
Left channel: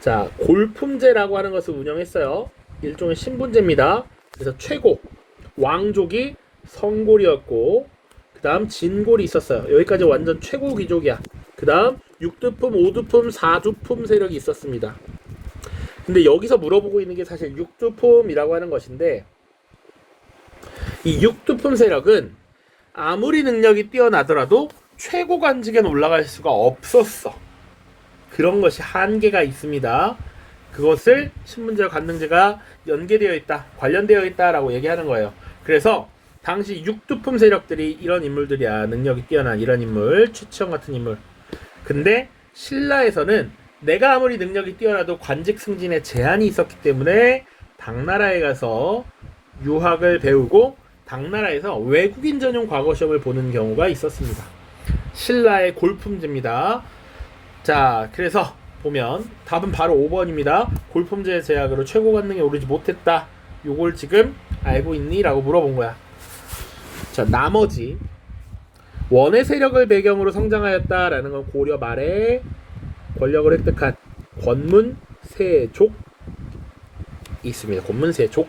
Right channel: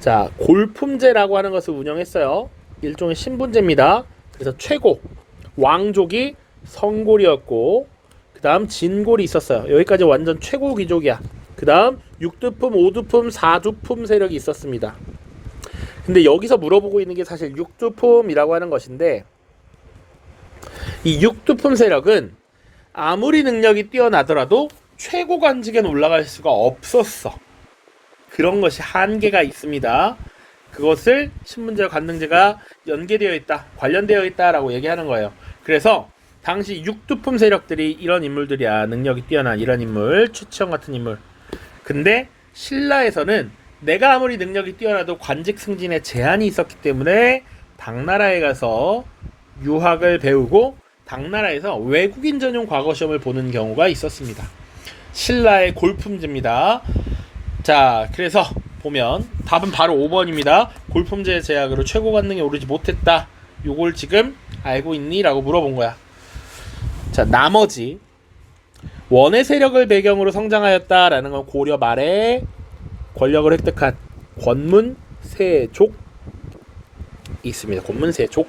자, 골품제라고 하는 것을 운영했어요. 일종의 신분제입니다. 그래서 최고 왕족이 성골이었고, 그 다음 진골이 있었어요. 여기까지 완전 최고 귀족이야. 그 다음 6두품, 5두품, 4두품 세력이 있었습니다. 근데 여기서 물어보고 있는 게 사실 6두품이라고 하는 것인데, 이 6두품 세력은 아무리 능력이 뛰어나더라도 최고 관직에는 올라갈 수가 없었어. 그런 것이 한계가 있습니다. 그것을 신분제와 관등제가 연계되어 있다, 관련되어 있다라고 얘기하는 거예요. 그래서 당시 6두품 세력들이 이런 인물들이야. 능력이 뛰어난 이런 인물, 최치영 같은 인물. 근데 신라에서는 내가 아무리 능력이 뛰어나도 관직 승진에 제한이 있었기 때문에 당나라에 가서 유학을 배우고 당나라에서 외국인 전용 과거 시험을 보는 경우가 있었습니다. 신라의 골품제입니다. 자, 그래서 보면 답은 바로 5번입니다. 골품제 제약으로 최고 관능에 오르지 못했다. 요걸 지금 알고 있니? 라고 물어본 거야. 자, 나머지 원의 세력을 배경으로 성장하였다라는 건 고려 말에 권력을 획득한 권문세족이 있습니다. 권문세족.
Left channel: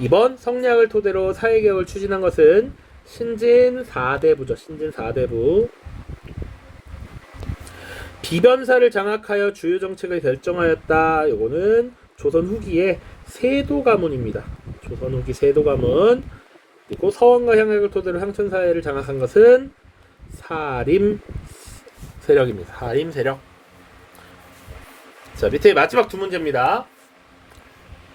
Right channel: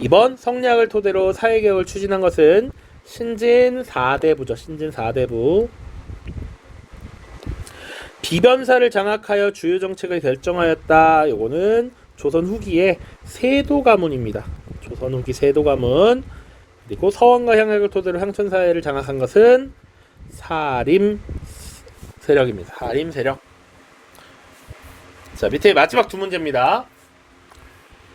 2번 성략을 토대로 사회개혁을 추진한 것은 신진 4대부죠. 신진 4대부. 비변사를 장악하여 주요 정책을 결정하였다. 요거는 조선 후기의 세도가문입니다. 조선 후기 세도가문. 그리고 서원과 향락을 토대로 향천사회를 장악한 것은 사림 세력입니다. 사림 세력. 자, 밑에 마지막 두 문제입니다.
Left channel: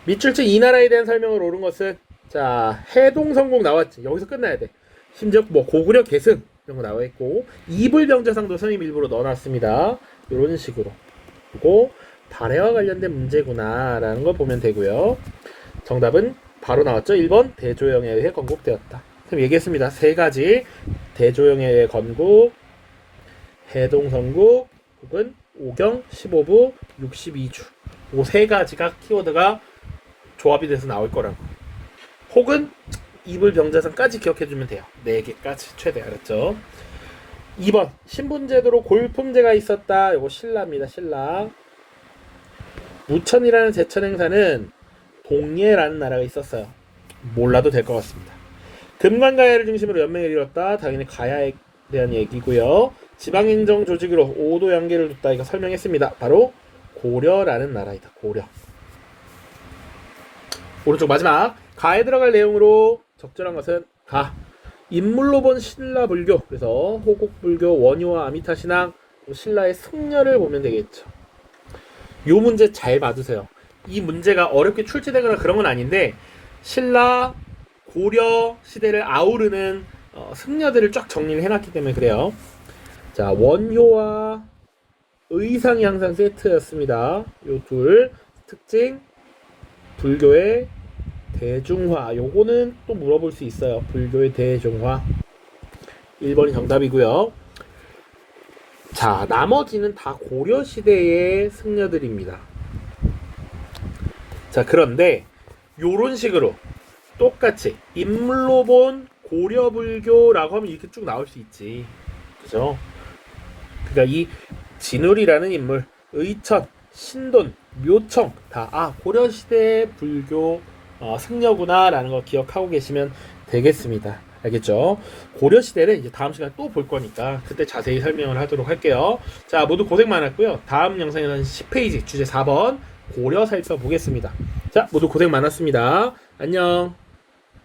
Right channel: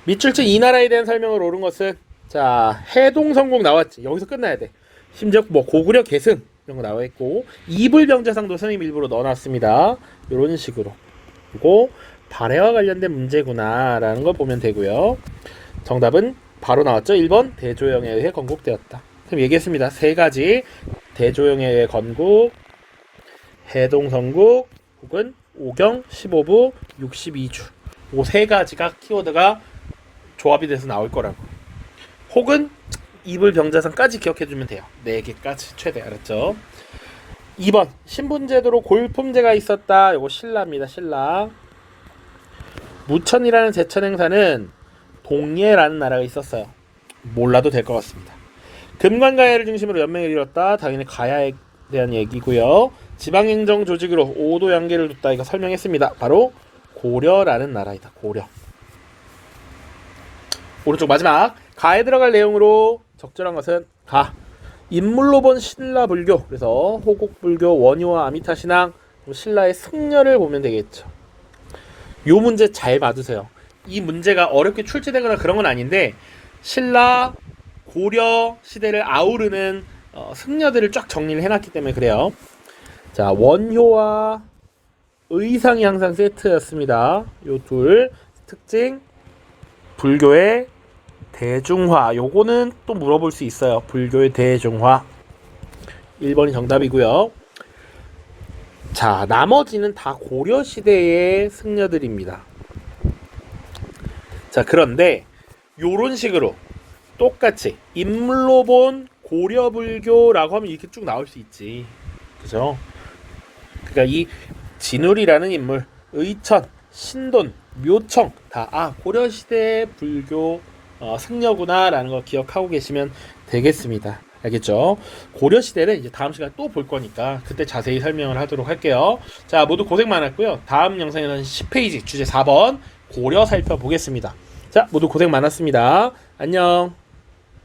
밑줄치 이 나라에 대한 설명을 옳은 것은, 자, 해동성국 나왔지. 여기서 끝나야 돼. 심지어 뭐 고구려 계승 이런 거 나와 있고, 이불병자상도 선임 일부러 넣어놨습니다. 이런 식으로. 그리고 발해와 관련된 문제구나라는 걸 보면 되고요. 정답은 바로 나왔죠. 1번 대조영에 의해 건국되었다. 그럼 얘기했습니다. 세 가지. 대조영에 의해 건국, 해동성국, 혹은 오경 15부 62주. 이 세 가지가 키워드가 조합이 돼서 나올 거라고. 혹은 이불병자상까지 기억해주면 돼요. 4개까지 최대. 알았죠? 2번 신분제도로 골품제가 있었다. 요거 신라입니다. 신라. 무천이라는 제천 행사는 동예라는 나라가 있었어요. 몰라도 될 것 같습니다. 금관가야를 중심으로 연맹을 이뤘다. 당연히 가야에 대한 얘기고요. 지방행정 조직으로 오도 양계를 뒀다. 이거 설명했습니다. 바로 고려라는 나라이다. 고려. 오른쪽 마지막. 가에 들어갈 내용으로 적절한 것은 가. 인물로 본 신라 불교. 그래서 호국불교, 원효와 아미타신앙, 신라의 승려를 보면 되겠죠. 요 문제 잘 받으세요. 이 문제가 어렵게 출제되거나 그런 건 아닌데, 신라, 고려 시대를 아우르는 승려들을 쫙 정리를 해놨기 때문에 그래요. 자, 원효와 의상이 항상 세트였습니다. 요 둘 특징. 불교의 대중화. 요거는 또 물어볼 수 있어요. 불교의 대중화. 1번이 정답이고요. 자, 나머지는 다 고려 시대의 승려들입니다. 자, 그런데 요런 식으로 똑같이 인물로 본 고려 불교라고 하면 이렇게 쭉 나올 수 있지. 그죠? 그러니까 이 진울이라는 인물, 의천, 신돈, 묘청 다 고려시대 불교 승려구나라는 거 기억하고 계시면 되겠습니다. 알겠죠? 고려시대는 이제 다음 시간에 또 볼 거니까 그때 자세히 설명을 하도록 할게요. 자, 모두 고생 많았고요. 다음 영상에는 10페이지 주제 4번 고려 살펴보겠습니다. 자, 모두 고생 많았습니다. 안녕.